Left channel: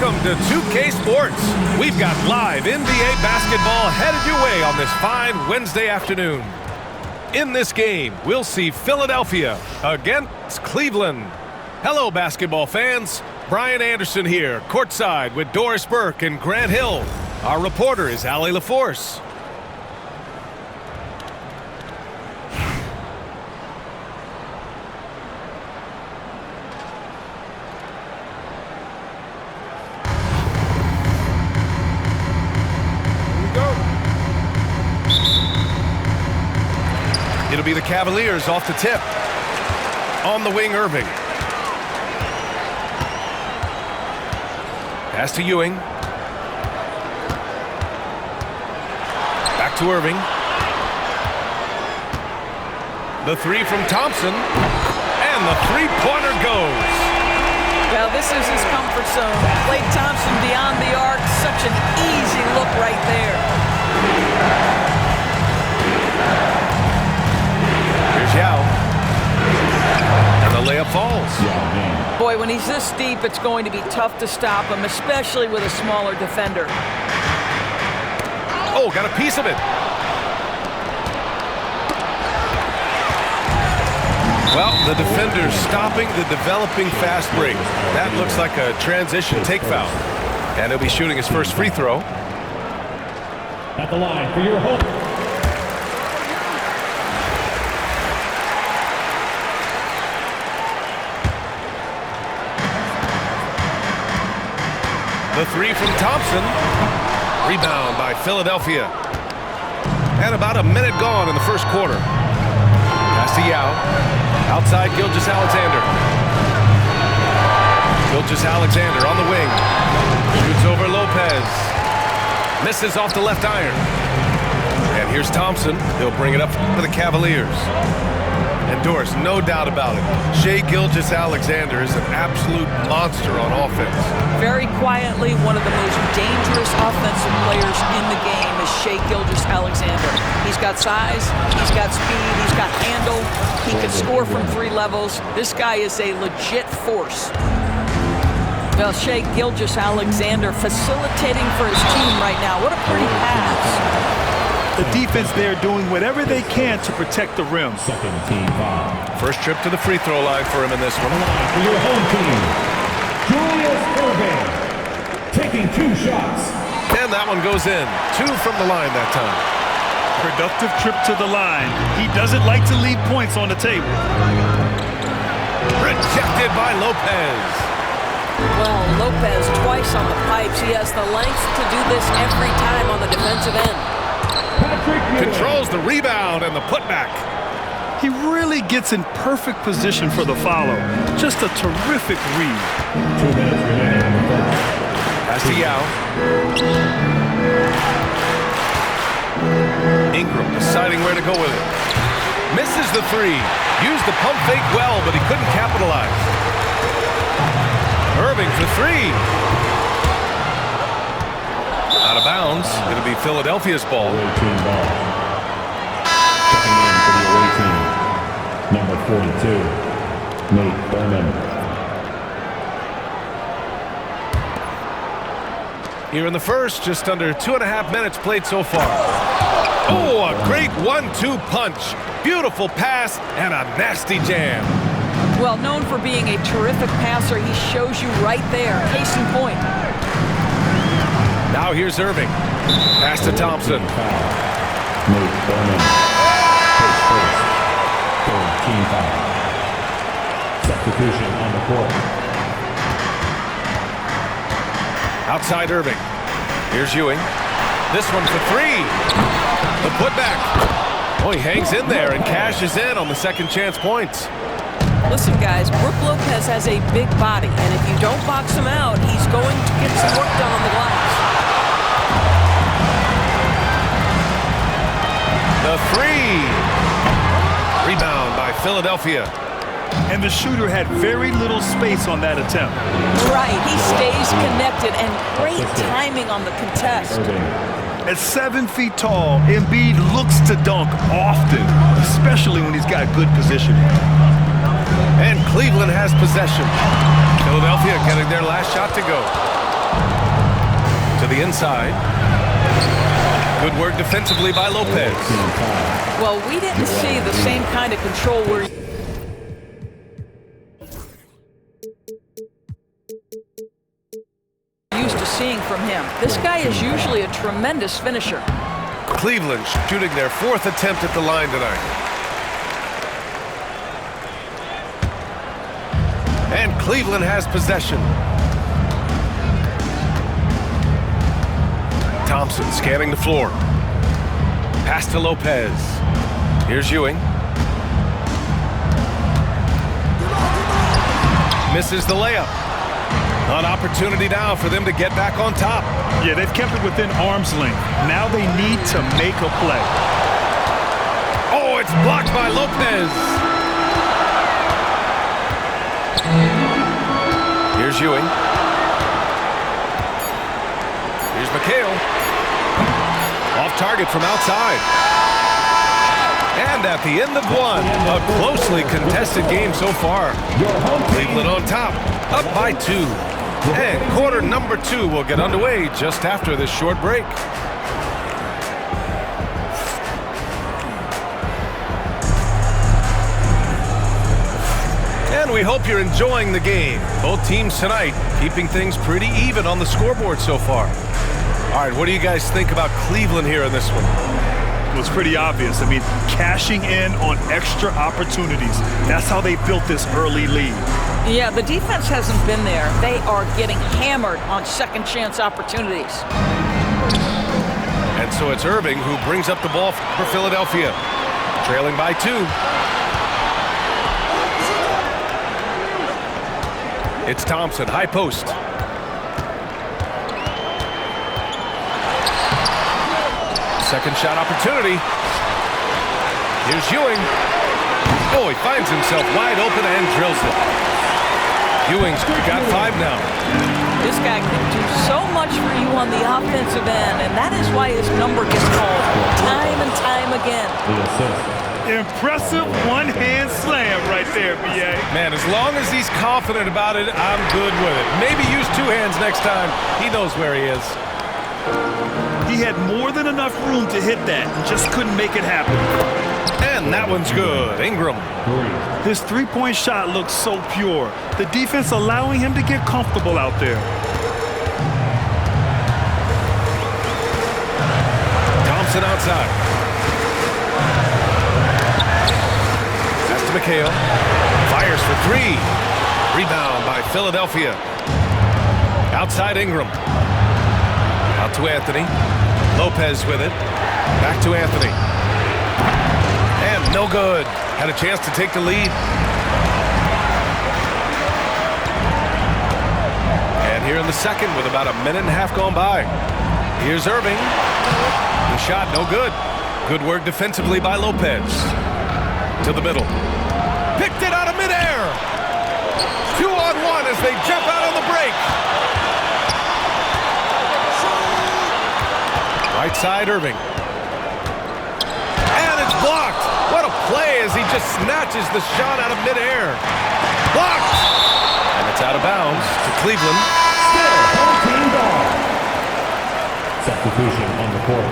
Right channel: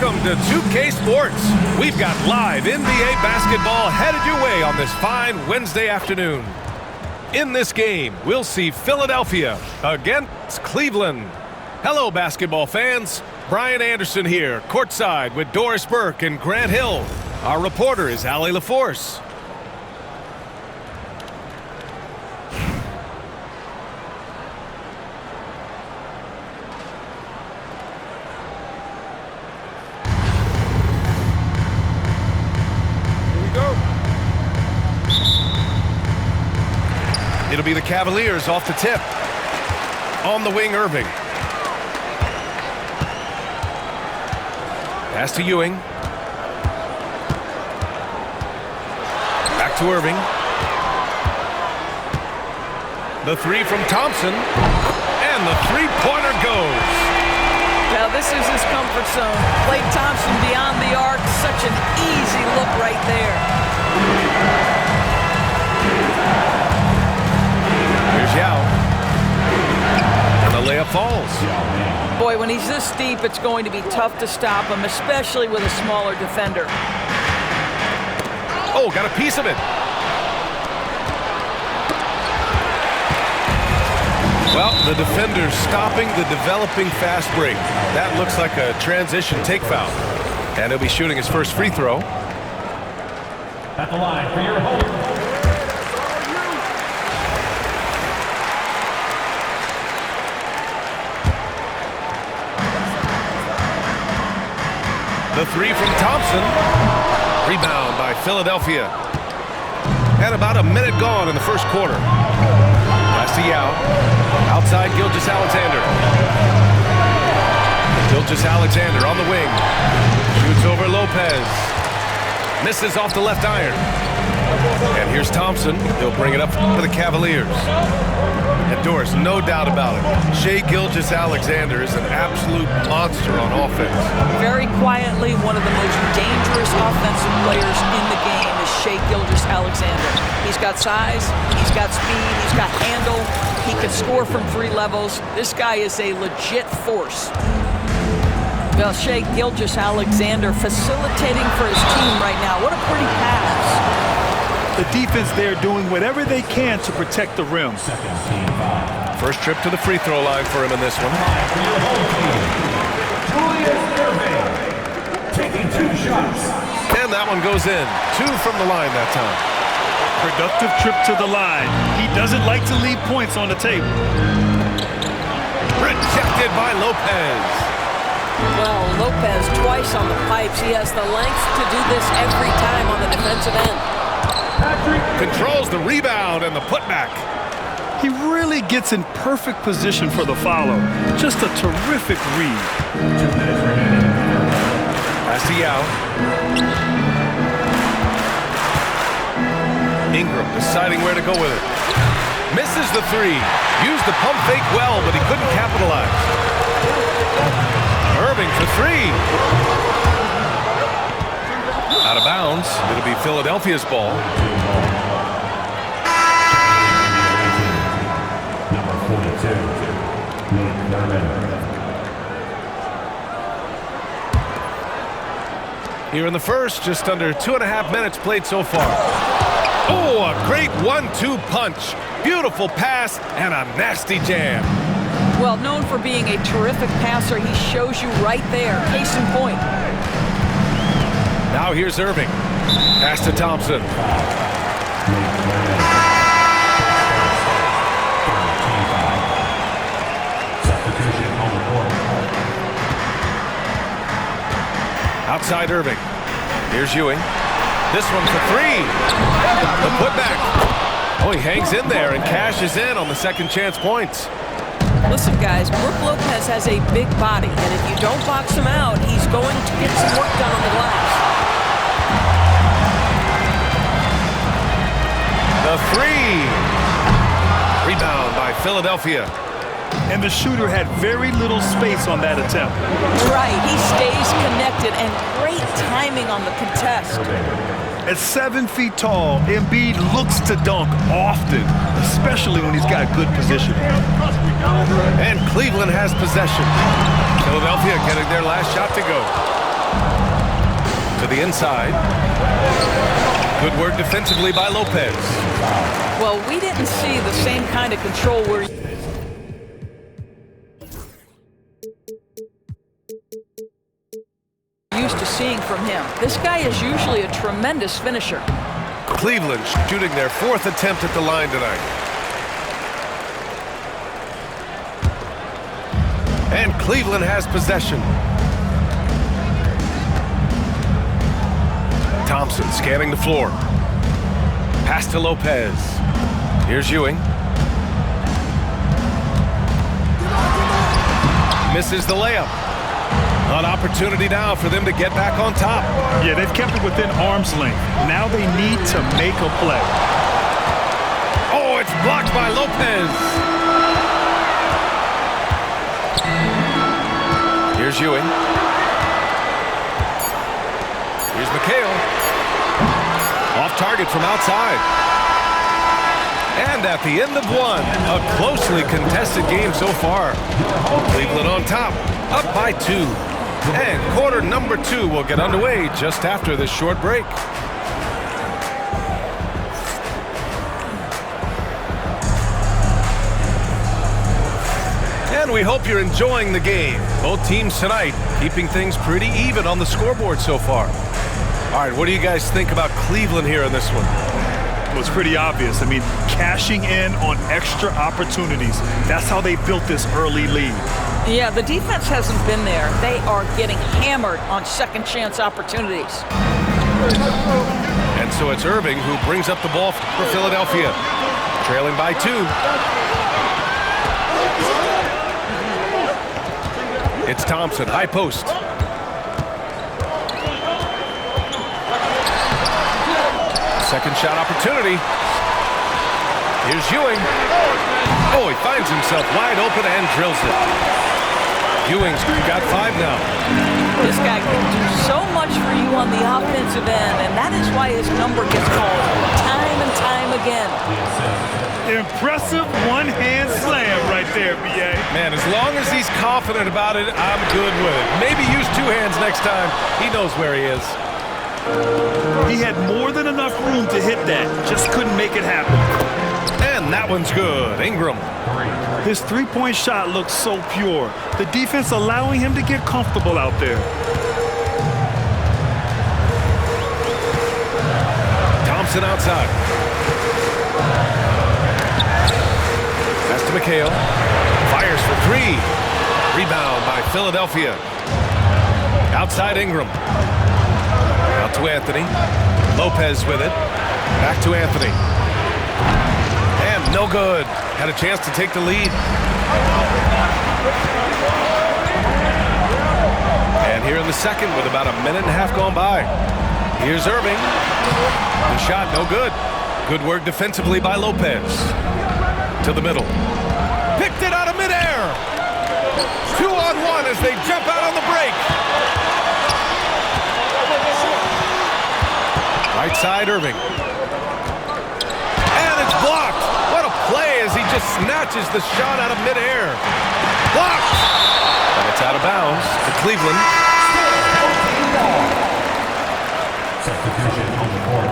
Welcome to 2K Sports. We've got live NBA basketball headed your way on this fine Wednesday afternoon. In this game, we'll see Philadelphia against Cleveland. Hello, basketball fans. Brian Anderson here, courtside with Doris Burke and Grant Hill. Our reporter is Allie LaForce. It'll be the Cavaliers off the tip. On the wing, Irving. Pass to Ewing. Back to Irving. The three from Thompson. And the three-pointer goes. Now this is his comfort zone. Klay Thompson beyond the arc. Such an easy look right there. Here's Yao. And the layup falls. Boy, when he's this deep, it's going to be tough to stop him, especially with a smaller defender. Oh, got a piece of it. Well, the defender's stopping the developing fast break. That looks like a transition take foul. And he'll be shooting his first free throw. At the line for your home. The three from Thompson. Rebound by Philadelphia. And about a minute gone in the first quarter. Pass to Yao. Outside Gilgeous-Alexander. Gilgeous-Alexander on the wing. Shoots over Lopez. Misses off the left iron. And here's Thompson. He'll bring it up for the Cavaliers. And Doris, no doubt about it, Shai Gilgeous-Alexander is an absolute monster on offense. Very quietly, one of the most dangerous offensive players in the game is Shai Gilgeous-Alexander. He's got size, he's got speed, he's got handle, he can score from three levels. This guy is a legit force. Well, Shai Gilgeous-Alexander facilitating for his team right now. What a pretty pass. The defense there doing whatever they can to protect the rim. First trip to the free throw line for him in this one. For your home team, Julius Irving, taking 2 shots. And that one goes in. 2 from the line that time. Productive trip to the line. He doesn't like to leave points on the table. Rejected by Lopez. Well, Lopez twice on the pipes. He has the length to do this every time on the defensive end. Controls the rebound and the putback. He really gets in perfect position for the follow. Just a terrific read. 2 minutes remaining. Pass to Yao. Ingram deciding where to go with it. Misses the three. Used the pump fake well, but he couldn't capitalize. Irving for 3. Out of bounds. It'll be Philadelphia's ball. Checking in for the away team. Number 42, Nate Berman. Here in the first, just under 2.5 minutes played so far. Oh, a great 1-2 punch. Beautiful pass and a nasty jam. Well, known for being a terrific passer, he shows you right there. Case in point. Now here's Irving. Pass to Thompson. Nate Berman. His first. 3rd team foul. Substitution on the court. Outside Irving. Here's Ewing. This one for 3. The putback. Oh, he hangs in there and cashes in on the second chance points. Listen, guys, Brook Lopez has a big body, and if you don't box him out, he's going to get some work done on the glass. The 3. Rebound by Philadelphia. And the shooter had very little space on that attempt. Right, he stays connected, and great timing on the contest. At 7 feet tall, Embiid looks to dunk often, especially when he's got good positioning. And Cleveland has possession. Philadelphia getting their last shot to go. To the inside. Good work defensively by Lopez. Well, we didn't see the same kind of control we're used to seeing from him. This guy is usually a tremendous finisher. Cleveland shooting their 4th attempt at the line tonight. And Cleveland has possession. Thompson scanning the floor. Pass to Lopez. Here's Ewing. Misses the layup. An opportunity now for them to get back on top. Yeah, they've kept it within arm's length. Now they need to make a play. Oh, it's blocked by Lopez. Here's Ewing. Here's McHale. Off target from outside. And at the end of one, a closely contested game so far. Cleveland on top, up by 2. And quarter number 2 will get underway just after this short break. And we hope you're enjoying the game. Both teams tonight keeping things pretty even on the scoreboard so far. All right, what do you guys think about Cleveland here in this one? Well, it's pretty obvious. I mean, cashing in on extra opportunities. That's how they built this early lead. Yeah, the defense hasn't been there. They are getting hammered on second chance opportunities. And so it's Irving who brings up the ball for Philadelphia. Trailing by 2. It's Thompson, high post. Second shot opportunity. Here's Ewing. Oh, he finds himself wide open and drills it. Ewing's got 5 now. This guy can do so much for you on the offensive end, and that is why his number gets called time and time again. Impressive one-hand slam right there, B.A. Man, as long as he's confident about it, I'm good with it. Maybe use 2 hands next time. He knows where he is. He had more than enough room to hit that, just couldn't make it happen. And that one's good. Ingram. His three-point shot looks so pure. The defense allowing him to get comfortable out there. Thompson outside. Pass to McHale. Fires for 3. Rebound by Philadelphia. Outside Ingram. Out to Anthony. Lopez with it. Back to Anthony. And no good. Had a chance to take the lead. And here in the second with about a minute and a half gone by. Here's Irving. The shot no good. Good work defensively by Lopez. To the middle. Picked it out of midair. 2-on-1 as they jump out on the break. Right side Irving. And it's blocked. What a play as he just snatches the shot out of midair. Blocked. And it's out of bounds to Cleveland. Still 14 ball. Substitution on the court.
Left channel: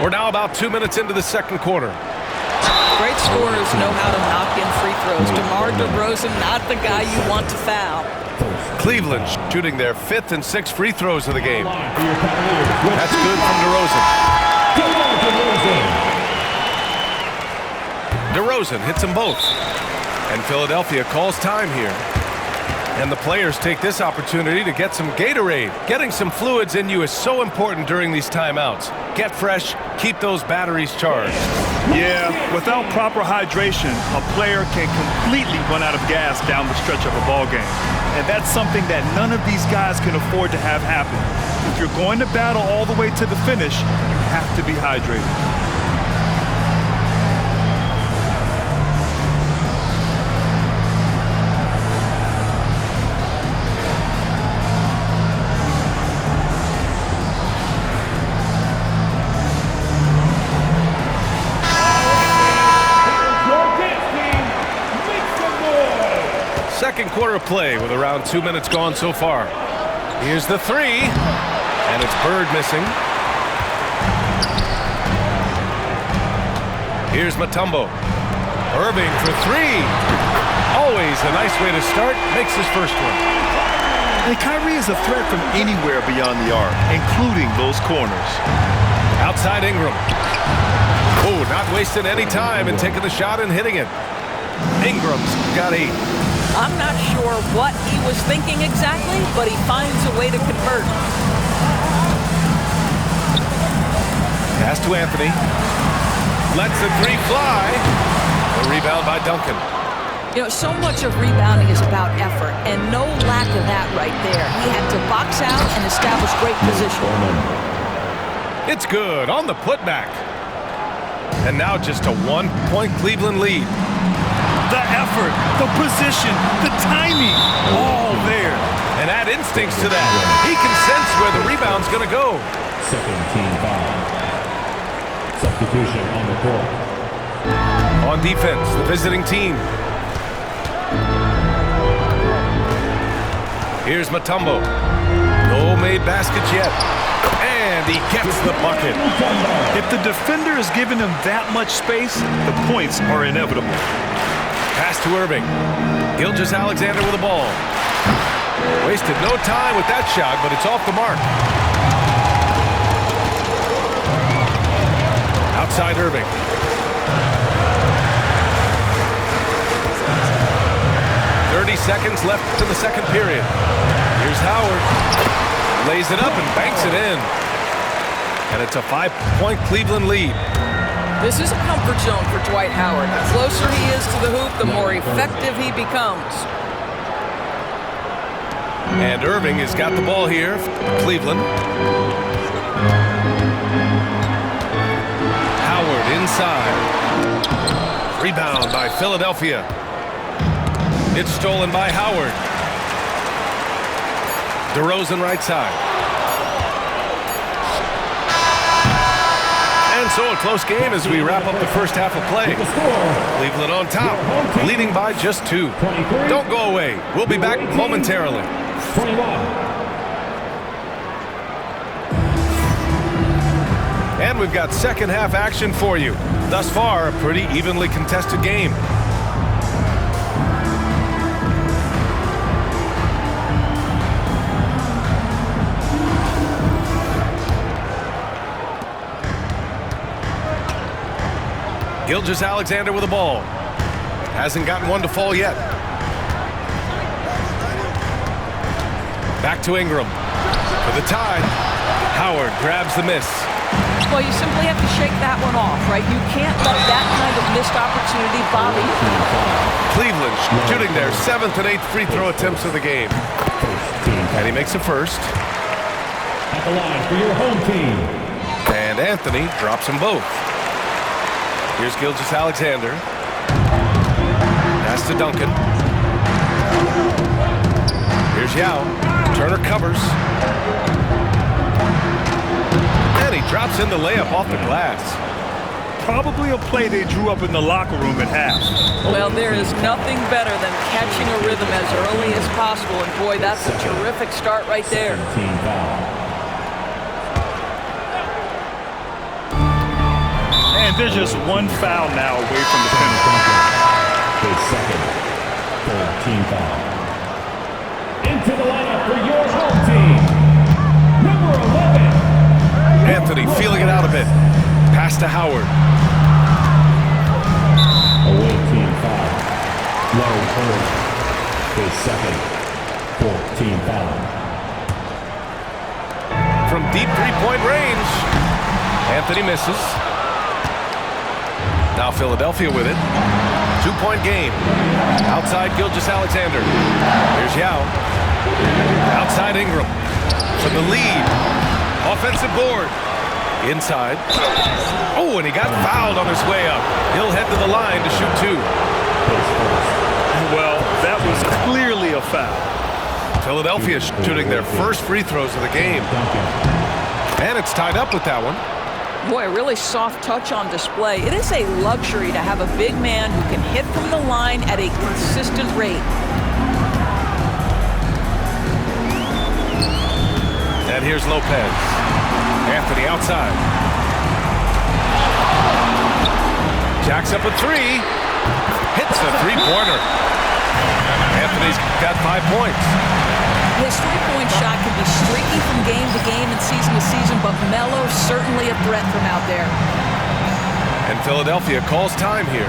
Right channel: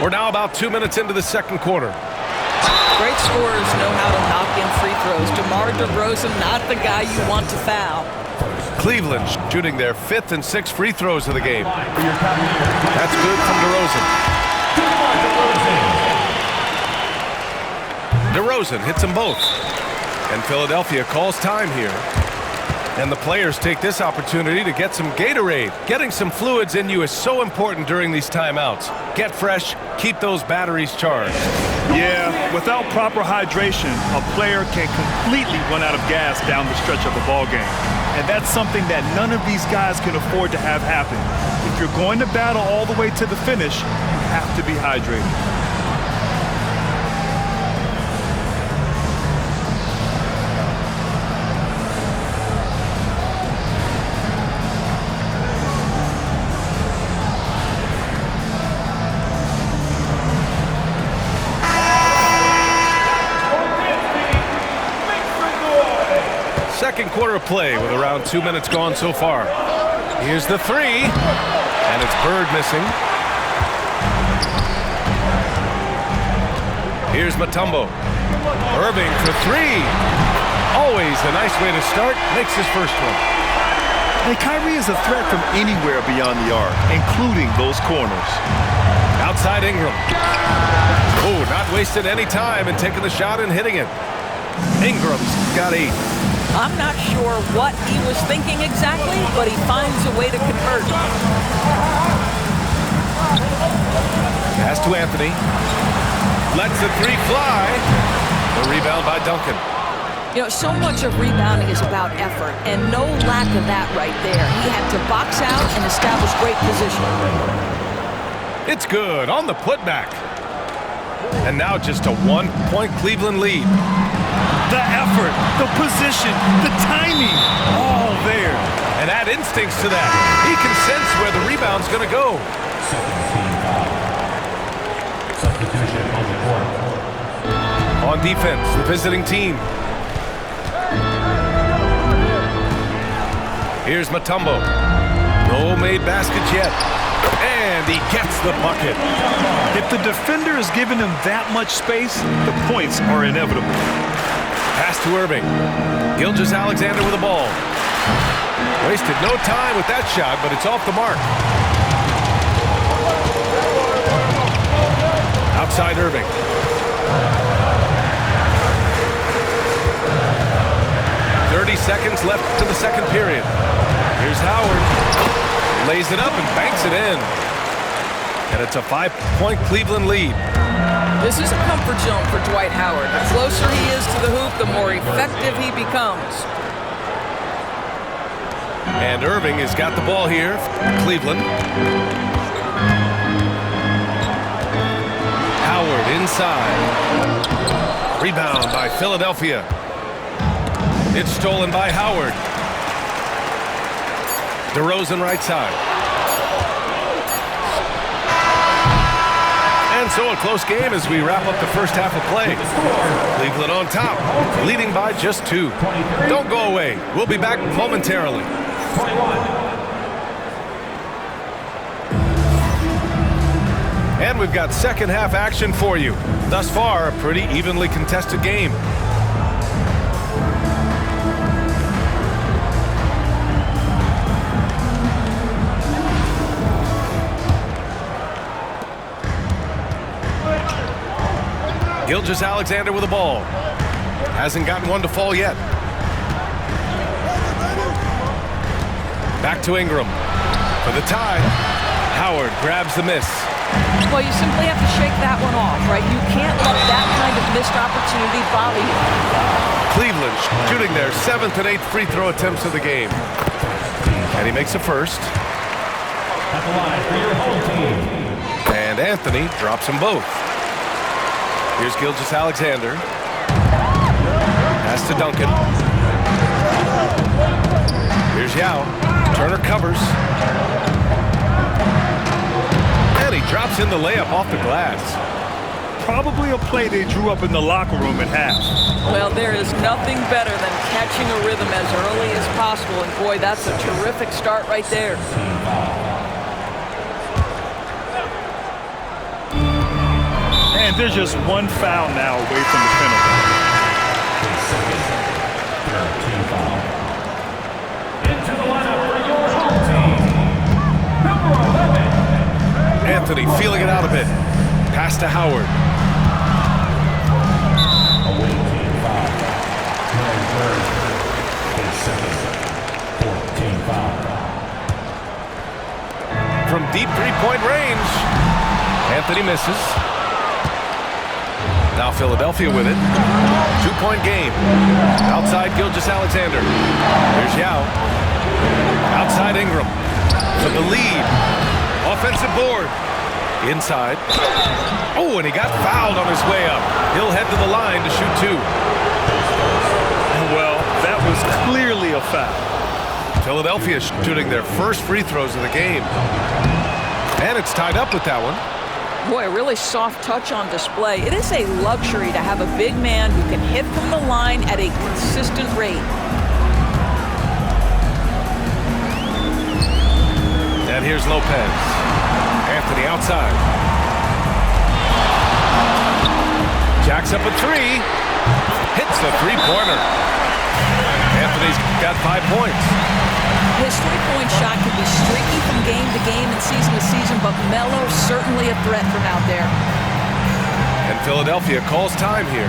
We're now about 2 minutes into the second quarter. Great scorers know how to knock in free throws. DeMar DeRozan, not the guy you want to foul. Cleveland shooting their 5th and 6th free throws of the game. That's good from DeRozan. DeRozan hits them both. And Philadelphia calls time here. And the players take this opportunity to get some Gatorade. Getting some fluids in you is so important during these timeouts. Get fresh, keep those batteries charged. Yeah, without proper hydration, a player can completely run out of gas down the stretch of a ball game. And that's something that none of these guys can afford to have happen. If you're going to battle all the way to the finish, you have to be hydrated. second quarter of play with around 2 minutes gone so far. Here's the three, and it's Bird missing. Here's Mutombo. Irving for three. Always a nice way to start. Makes his first one. And Kyrie is a threat from anywhere beyond the arc, including those corners. Outside Ingram. Oh, not wasting any time and taking the shot and hitting it. Ingram's got 8. I'm not sure what he was thinking exactly, but he finds a way to convert. Pass to Anthony. Lets the three fly. The rebound by Duncan. You know, so much of rebounding is about effort, and no lack of that right there. He had to box out and establish great position. It's good on the putback. And now just a 1-point Cleveland lead. The effort, the position, the timing, all there. And add instincts to that. He can sense where the rebound's going to go. Second team foul. Substitution on the court. On defense, the visiting team. Here's Mutombo. No made baskets yet. And he gets the bucket. If the defender is giving him that much space, the points are inevitable. Pass to Irving. Gilgeous-Alexander with the ball. Wasted no time with that shot, but it's off the mark. Outside Irving. .30 seconds left to the second period. Here's Howard. Lays it up and banks it in. And it's a 5-point Cleveland lead. This is a comfort zone for Dwight Howard. The closer he is to the hoop, the more effective he becomes. And Irving has got the ball here for Cleveland. Howard inside. Rebound by Philadelphia. It's stolen by Howard. DeRozan right side. And so a close game as we wrap up the first half of play. Cleveland on top, leading by just 2. Don't go away. We'll be back momentarily. 21. And we've got second half action for you. Thus far, a pretty evenly contested game. Gilgeous-Alexander with the ball. Hasn't gotten one to fall yet. Back to Ingram. For the tie. Howard grabs the miss. Well, you simply have to shake that one off, right? You can't let that kind of missed opportunity bother you. Cleveland shooting their 7th and 8th free throw attempts of the game. And he makes a first. At the line for your home team. And Anthony drops them both. Here's Gilgeous-Alexander. Pass to Duncan. Here's Yao. Turner covers. And he drops in the layup off the glass. Probably a play they drew up in the locker room at half. Well, there is nothing better than catching a rhythm as early as possible. And boy, that's a terrific start right there. Team foul. And there's just one foul now away from the penalty. His second, third team foul. Into the lineup for your home team, number 11. Anthony feeling it out a bit. Pass to Howard. Away team foul. Larry Bird. His second, fourth team foul. From deep three-point range. Anthony misses. Now Philadelphia with it. 2-point game. Outside Gilgeous-Alexander. Here's Yao. Outside Ingram. For the lead. Offensive board. Inside. Oh, and he got fouled on his way up. He'll head to the line to shoot 2. Well, that was clearly a foul. Philadelphia shooting their first free throws of the game. And it's tied up with that one. Boy, a really soft touch on display. It is a luxury to have a big man who can hit from the line at a consistent rate. And here's Lopez. Anthony outside. Jacks up a three. Hits the three-pointer. Anthony's got 5 points. His three-point shot can be streaky from game to game and season to season, but Melo certainly a threat from out there. And Philadelphia calls time here.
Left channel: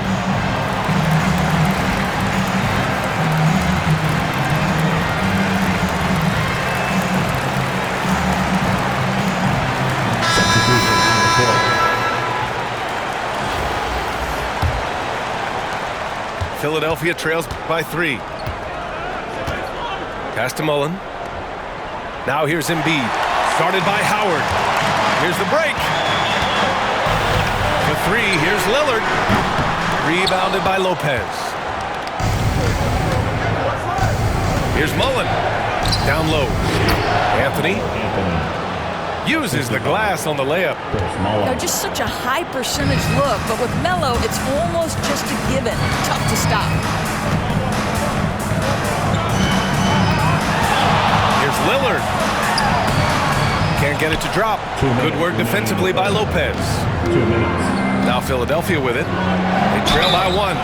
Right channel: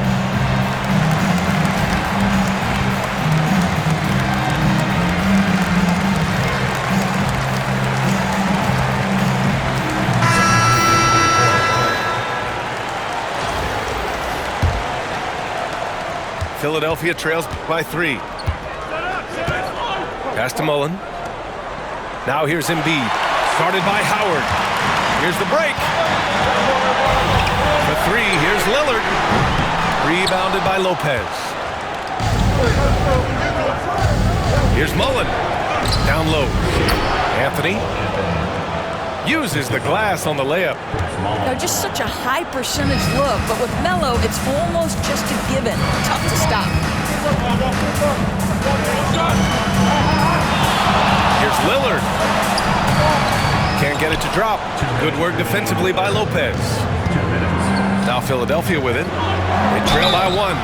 Philadelphia trails by 3. Pass to Mullen. Now here's Embiid. Started by Howard. Here's the break. For 3, here's Lillard. Rebounded by Lopez. Here's Mullen. Down low. Anthony uses the glass on the layup. Now, just such a high percentage look, but with Melo, it's almost just a given. Tough to stop. Here's Lillard. Can't get it to drop. Good work defensively by Lopez. 2 minutes. Now Philadelphia with it. They trail by 1.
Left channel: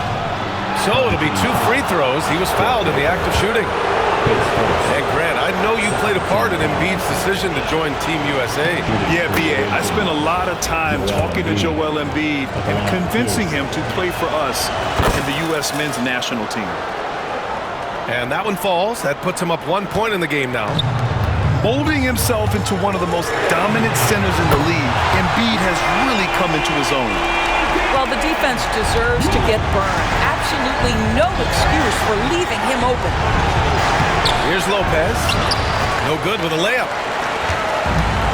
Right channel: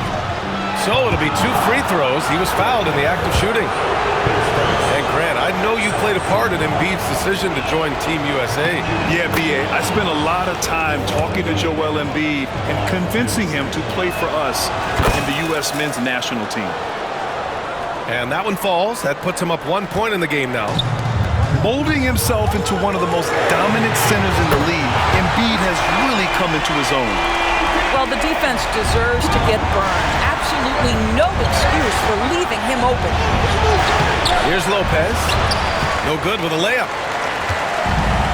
So it'll be 2 free throws. He was fouled in the act of shooting. And Grant, I know you played a part in Embiid's decision to join Team USA. Yeah, B.A., I spent a lot of time talking to Joel Embiid and convincing him to play for us in the U.S. men's national team. And that one falls. That puts him up 1 point in the game now. Molding himself into one of the most dominant centers in the league, Embiid has really come into his own. Well, the defense deserves to get burned. Absolutely no excuse for leaving him open. Here's Lopez. No good with a layup.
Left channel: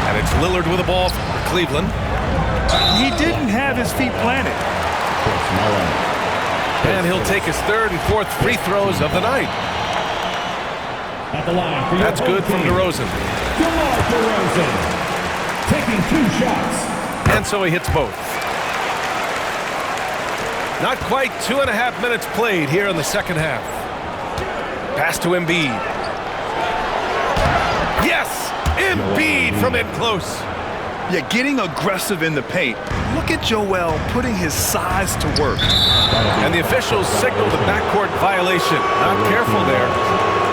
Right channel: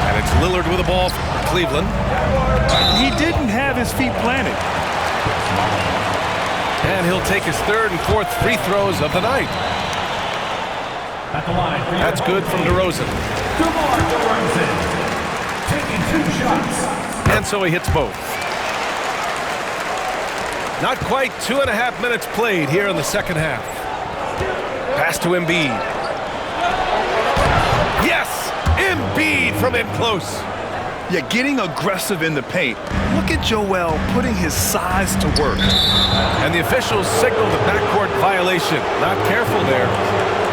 And it's Lillard with the ball for Cleveland. He didn't have his feet planted. And he'll take his 3rd and 4th free throws of the night. At the line for That's good from DeRozan. DeMar DeRozan. Taking 2 shots. And so he hits both. Not quite 2.5 minutes played here in the second half. Pass to Embiid. Yes! Embiid from in close. Yeah, getting aggressive in the paint. Look at Joel putting his size to work. And the officials signal the backcourt violation. Not careful there.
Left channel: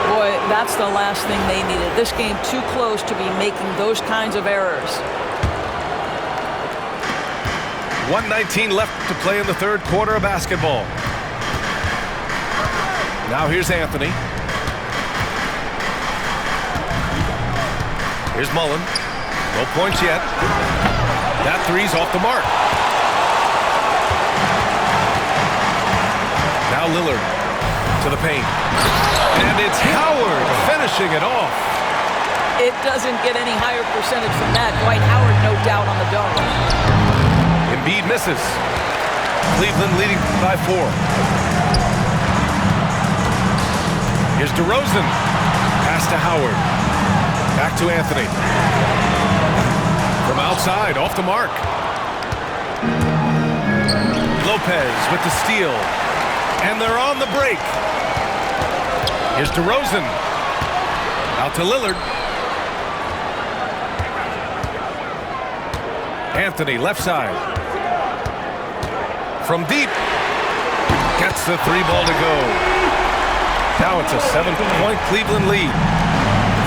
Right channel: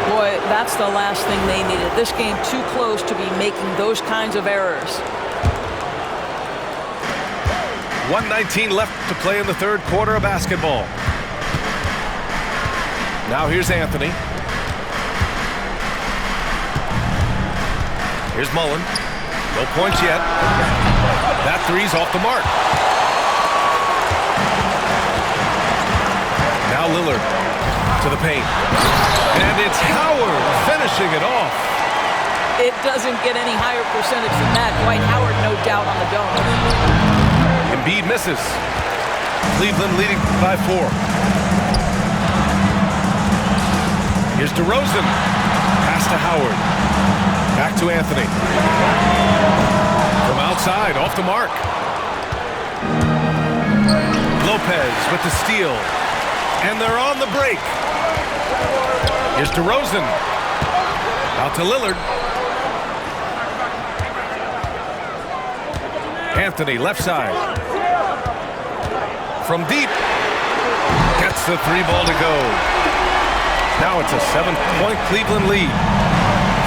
Boy, that's the last thing they needed. This game too close to be making those kinds of errors. 1:19 left to play in the 3rd quarter of basketball. Now here's Anthony. Here's Mullen. No points yet. That three's off the mark. Now Lillard to the paint. And it's Howard finishing it off. It doesn't get any higher percentage than that. Dwight Howard, no doubt, on the dome. Embiid misses. Cleveland leading by 4. Here's DeRozan. Pass to Howard. Back to Anthony. From outside, off the mark. Lopez with the steal. And they're on the break. Here's DeRozan. Out to Lillard. Anthony, left side. From deep. Gets the 3 ball to go. Now it's a 7-point Cleveland lead.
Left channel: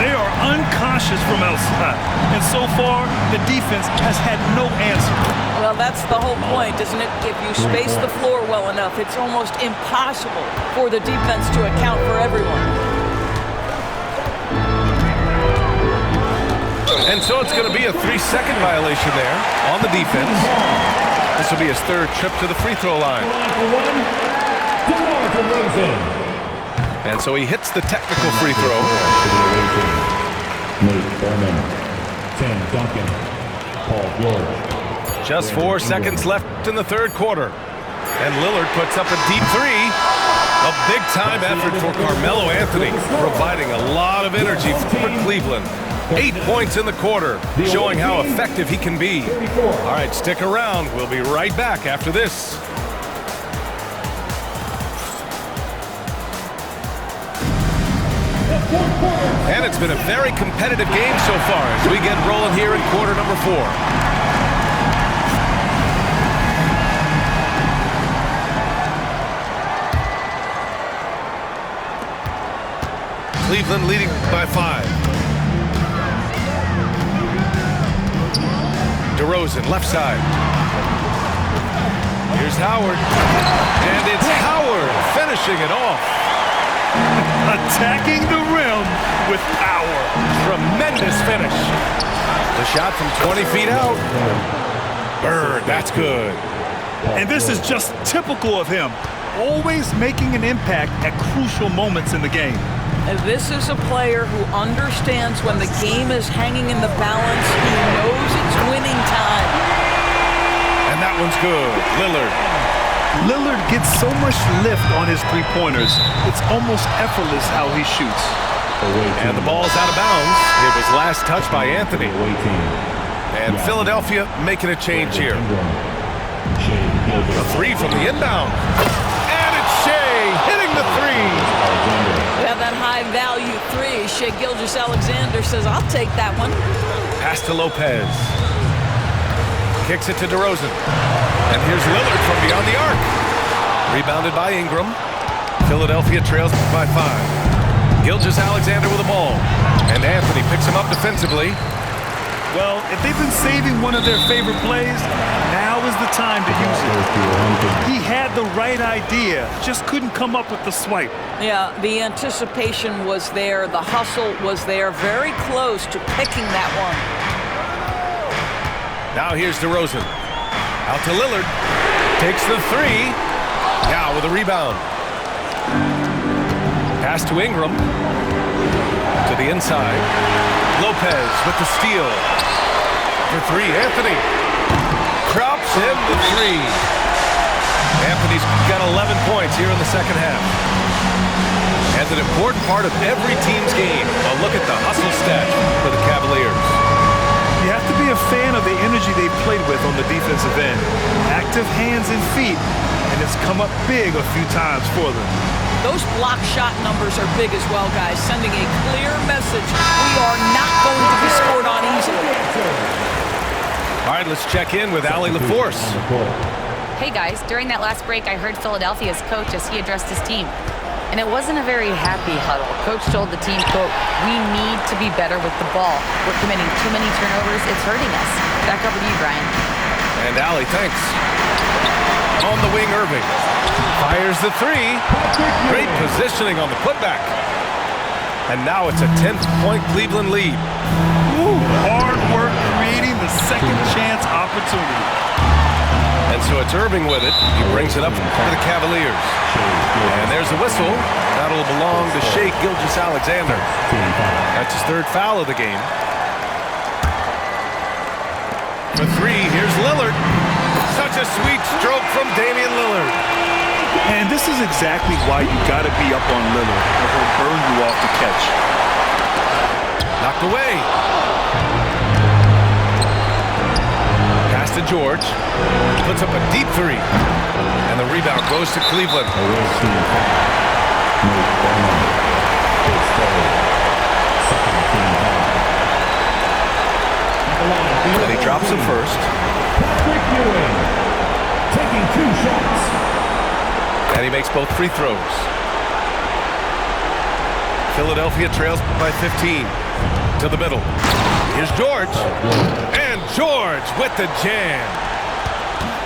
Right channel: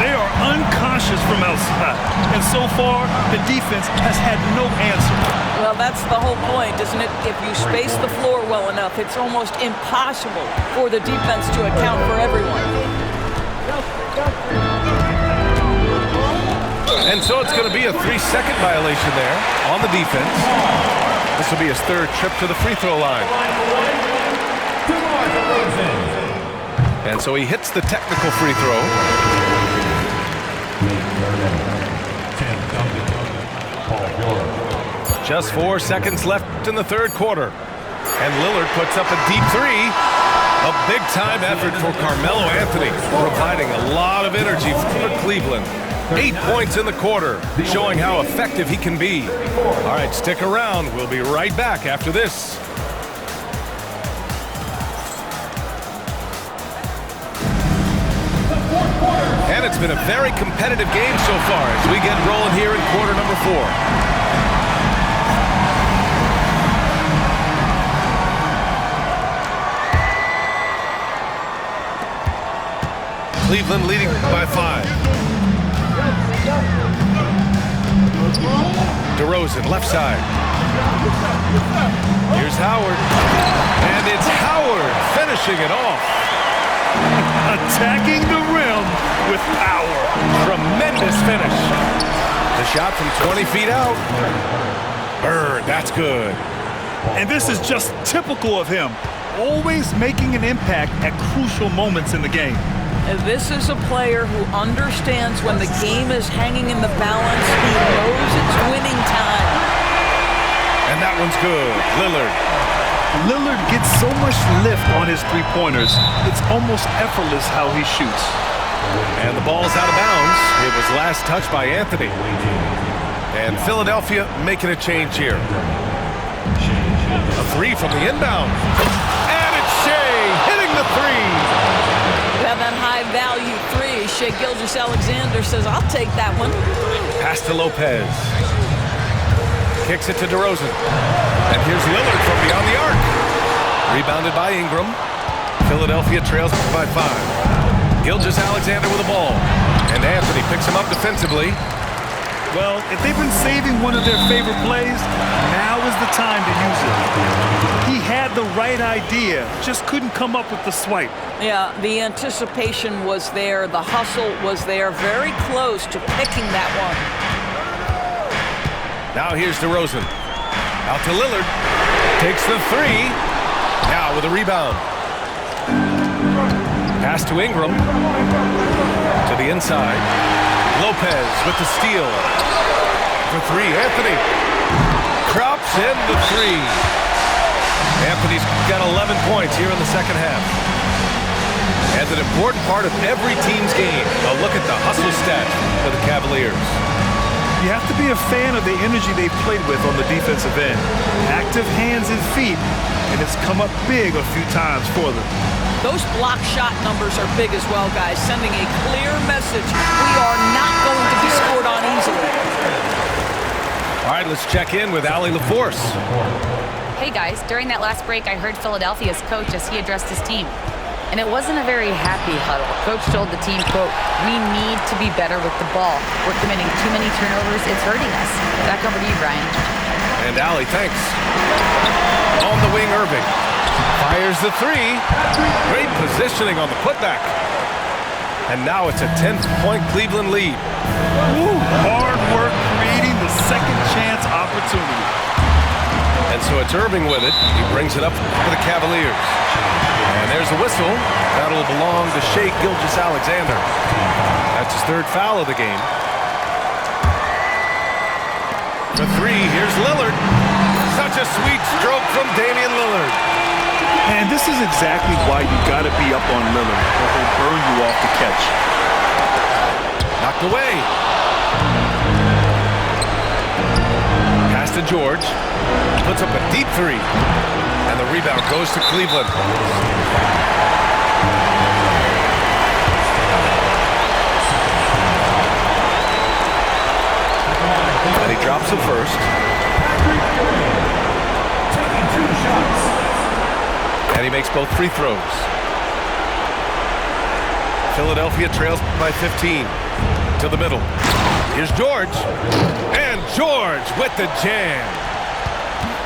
They are unconscious from outside, and so far, the defense has had no answer. Well, that's the whole point, isn't it? If you space the floor well enough, it's almost impossible for the defense to account for everyone. And so it's going to be a 3-second violation there on the defense. This will be his 3rd trip to the free throw line. DeMar DeRozan. And so he hits the technical free throw. Nate Thurman. Tim Duncan. Paul George. Just 4 seconds left in the 3rd quarter. And Lillard puts up a deep 3. A big-time effort for Carmelo Anthony, providing a lot of energy for Cleveland. 8 points in the quarter, showing how effective he can be. All right, stick around. We'll be right back after this. The And it's been a very competitive game so far as we get rolling here in quarter number 4. Cleveland leading by 5. DeRozan, left side. Here's Howard. And it's Howard finishing it off. Attacking the rim with power. Tremendous finish. The shot from 20 feet out. Bird, that's good. And this is just typical of him. Always making an impact at crucial moments in the game. This is a player who understands when the game is hanging in the balance. He knows it's winning time. And that one's good. Lillard. Lillard gets so much lift on his three-pointers. It's almost effortless how he shoots. And the ball's out of bounds. It was last touched by Anthony. And Philadelphia making a change here. A 3 from the inbound. And it's Shea hitting the 3. Yeah, that high-value 3. Shea Gilgeous-Alexander says, I'll take that one. Pass to Lopez. Kicks it to DeRozan. And here's Lillard from beyond the arc. Rebounded by Ingram. Philadelphia trails by 5. Gilgeous-Alexander with the ball. And Anthony picks him up defensively. Well, if they've been saving one of their favorite plays, now is the time to use it. He had the right idea, just couldn't come up with the swipe. Yeah, the anticipation was there. The hustle was there. Very close to picking that one. Now here's DeRozan. Out to Lillard. Takes the 3. Now with a rebound. Pass to Ingram. To the inside. Lopez with the steal. For 3, Anthony. Drops in the 3. Anthony's got 11 points here in the second half. And an important part of every team's game. A look at the hustle stat for the Cavaliers. You have to be a fan of the energy they've played with on the defensive end. Active hands and feet, and it's come up big a few times for them. Those block shot numbers are big as well, guys, sending a clear message. We are not going to be scored on easily. All right, let's check in with Allie LaForce. Hey guys, during that last break, I heard Philadelphia's coach as he addressed his team. And it wasn't a very happy huddle. Coach told the team, quote, "We need to be better with the ball. We're committing too many turnovers. It's hurting us." Back over to you, Brian. And Allie, thanks. On the wing, Irving. Fires the 3. Great positioning on the putback. And now it's a 10-point Cleveland lead. Ooh, hard work creating the second chance opportunity. And so it's Irving with it. He brings it up for the Cavaliers. And there's a whistle. That'll belong to Shea Gilgeous-Alexander. That's his 3rd foul of the game. For 3, here's Lillard. Such a sweet stroke from Damian Lillard. And this is exactly why you got to be up on Lillard, or he'll burn you off the catch. Knocked away. Pass to George. Puts up a deep 3. And the rebound goes to Cleveland. And he drops it first. Taking 2 shots. And he makes both free throws. Philadelphia trails by 15. To the middle. Here's George. And George with the jam.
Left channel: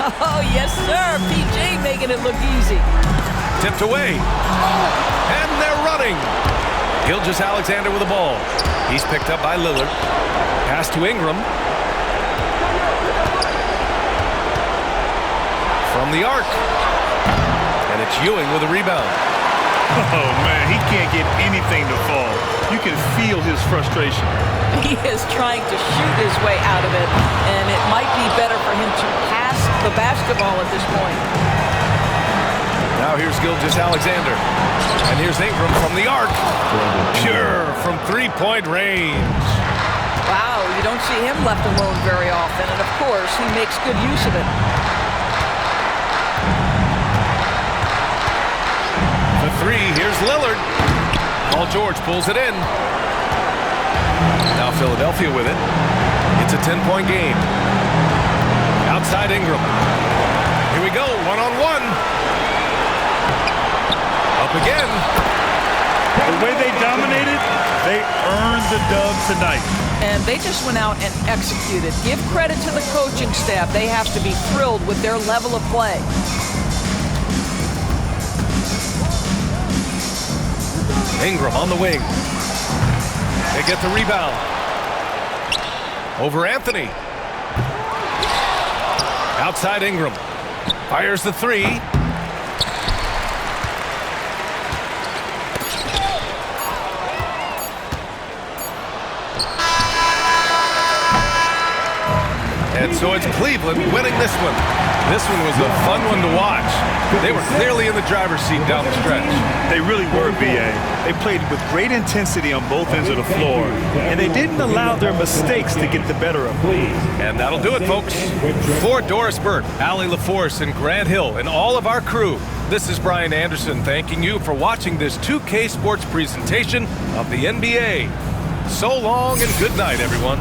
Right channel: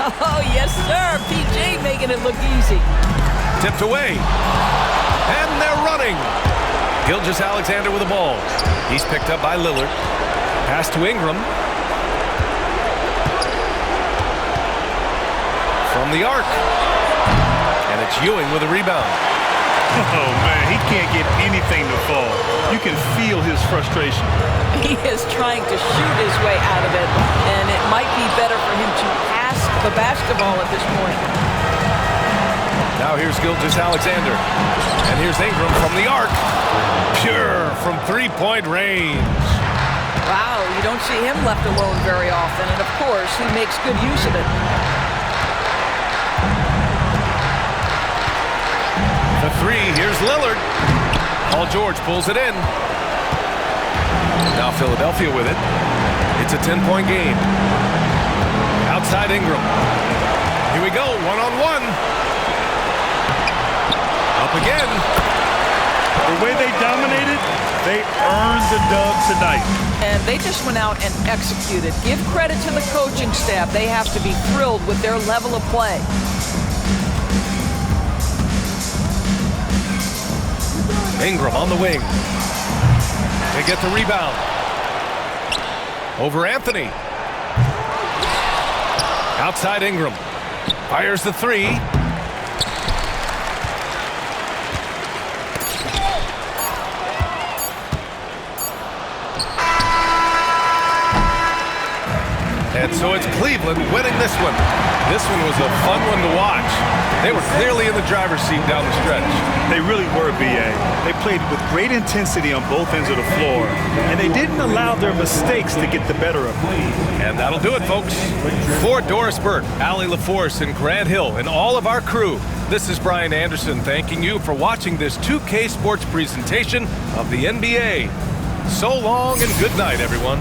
Oh, yes, sir. PJ making it look easy. Tipped away. And they're running. Gilgeous-Alexander with the ball. He's picked up by Lillard. Pass to Ingram. From the arc. And it's Ewing with a rebound. Oh, man, he can't get anything to fall. You can feel his frustration. He is trying to shoot his way out of it, and it might be better for him to pass the basketball at this point. Now here's Gilgeous-Alexander. And here's Ingram from the arc. Pure from 3-point range. Wow, you don't see him left alone very often, and of course, he makes good use of it. For 3, here's Lillard. Paul George pulls it in. Now Philadelphia with it. It's a 10-point game. Outside Ingram. Here we go, one-on-one. Up again. The way they dominated, they earned the dub tonight. And they just went out and executed. Give credit to the coaching staff. They have to be thrilled with their level of play. Ingram on the wing. They get the rebound. Over Anthony. Outside Ingram. Fires the three. And so it's Cleveland winning this one. This one was a fun one to watch. They were clearly in the driver's seat down the stretch. They really were, B.A. They played with great intensity on both ends of the floor, and they didn't allow their mistakes to get the better of them. And that'll do it, folks. For Doris Burke, Allie LaForce, and Grant Hill, and all of our crew, this is Brian Anderson thanking you for watching this 2K Sports presentation of the NBA. So long and good night, everyone.